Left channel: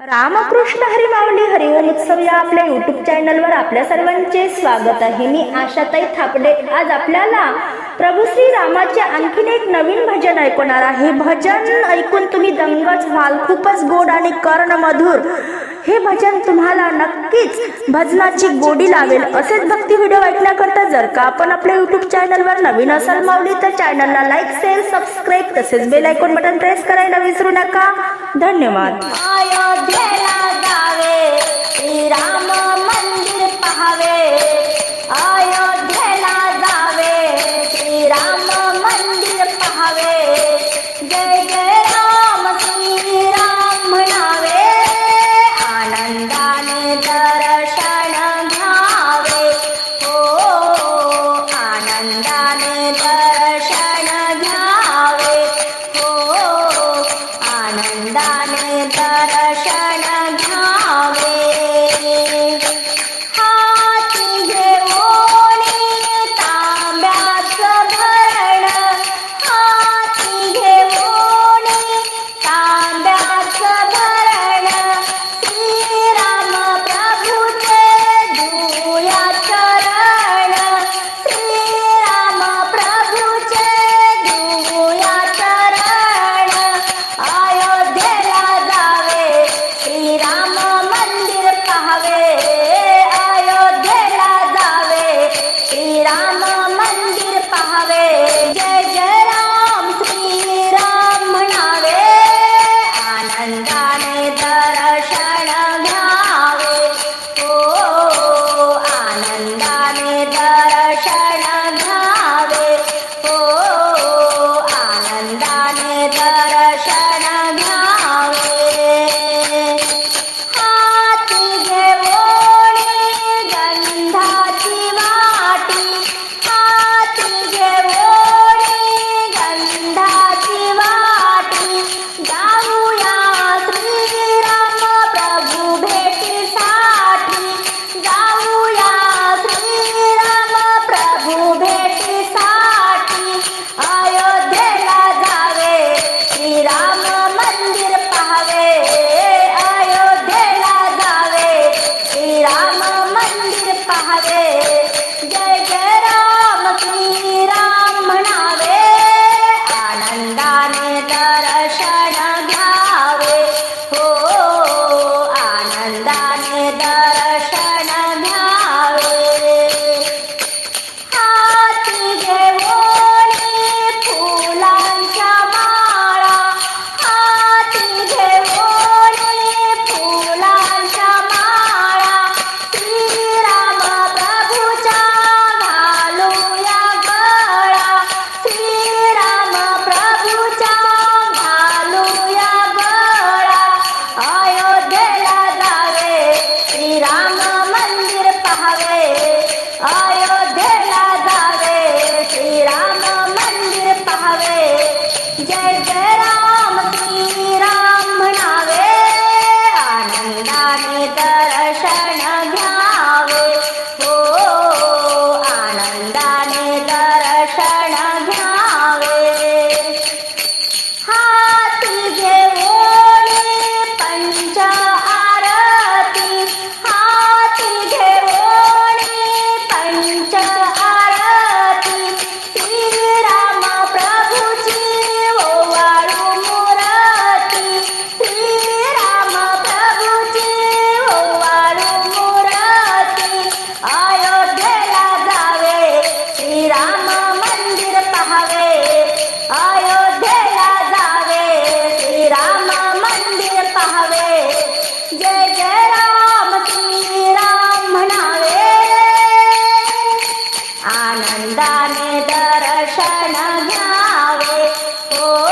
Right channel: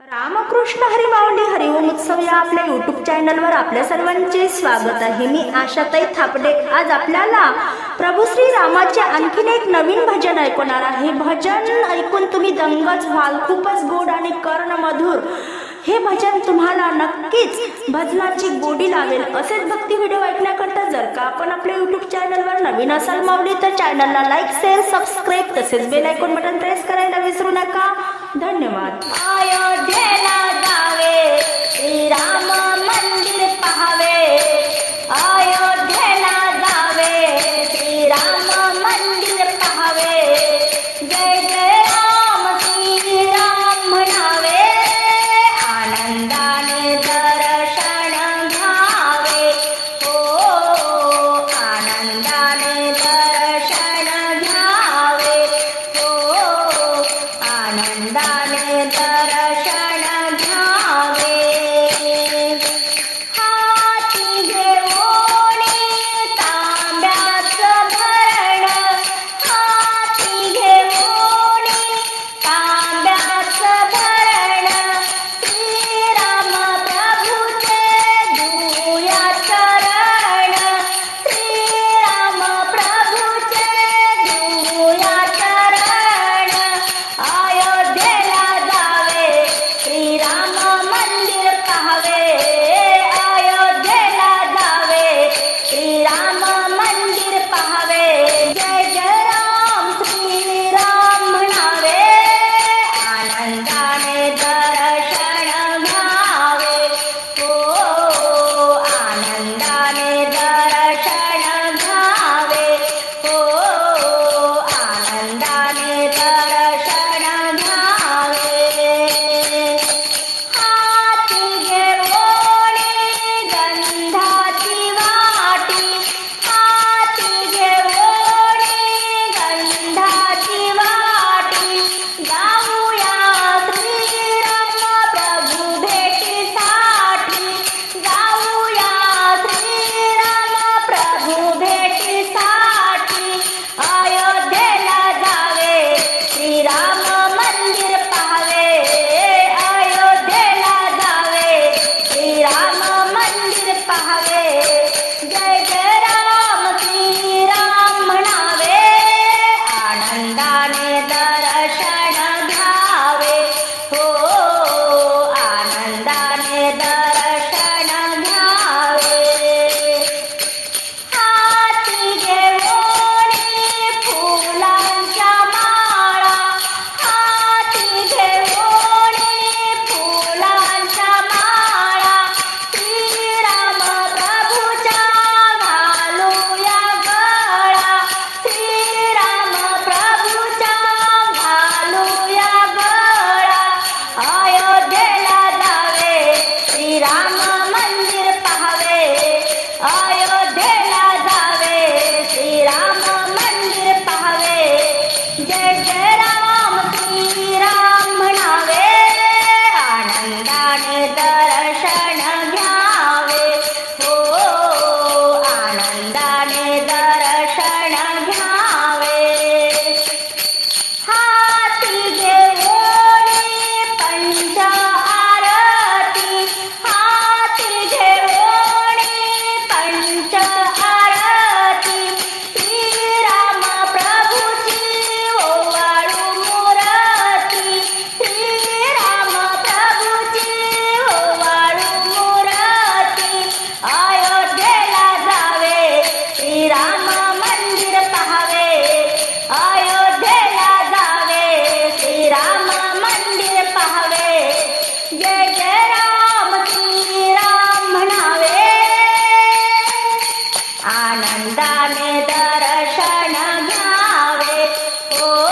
रामकृष्ण हरी माऊली हरिओम उत्सव या आपल्या युट्यूब चॅनलवर आपल्या सर्वांचे स्वागत आहे. मी आशाताई थापडे. आज आपल्याला प्रभू श्री रामाचे आणखीन एक नवीन भजन ऐकवणार आहे. भजन ऐकून तुम्ही दंगच व्हाल खूपच गोड आणि कर्णमधुर हे भजन तुम्हाला नक्कीच भजनाची गोडी लावेल. असेच भक्ती व्हिडिओ ऐकण्याकरता जर का आपण आपल्या युट्यूब चॅनलवर नवीन असाल माऊली तर चॅनलला लाईक शेअर सबस्क्राईब तसेच बेल ऐकून बटन प्रेस करायला विसरू नका. धन्यवाद। Oh.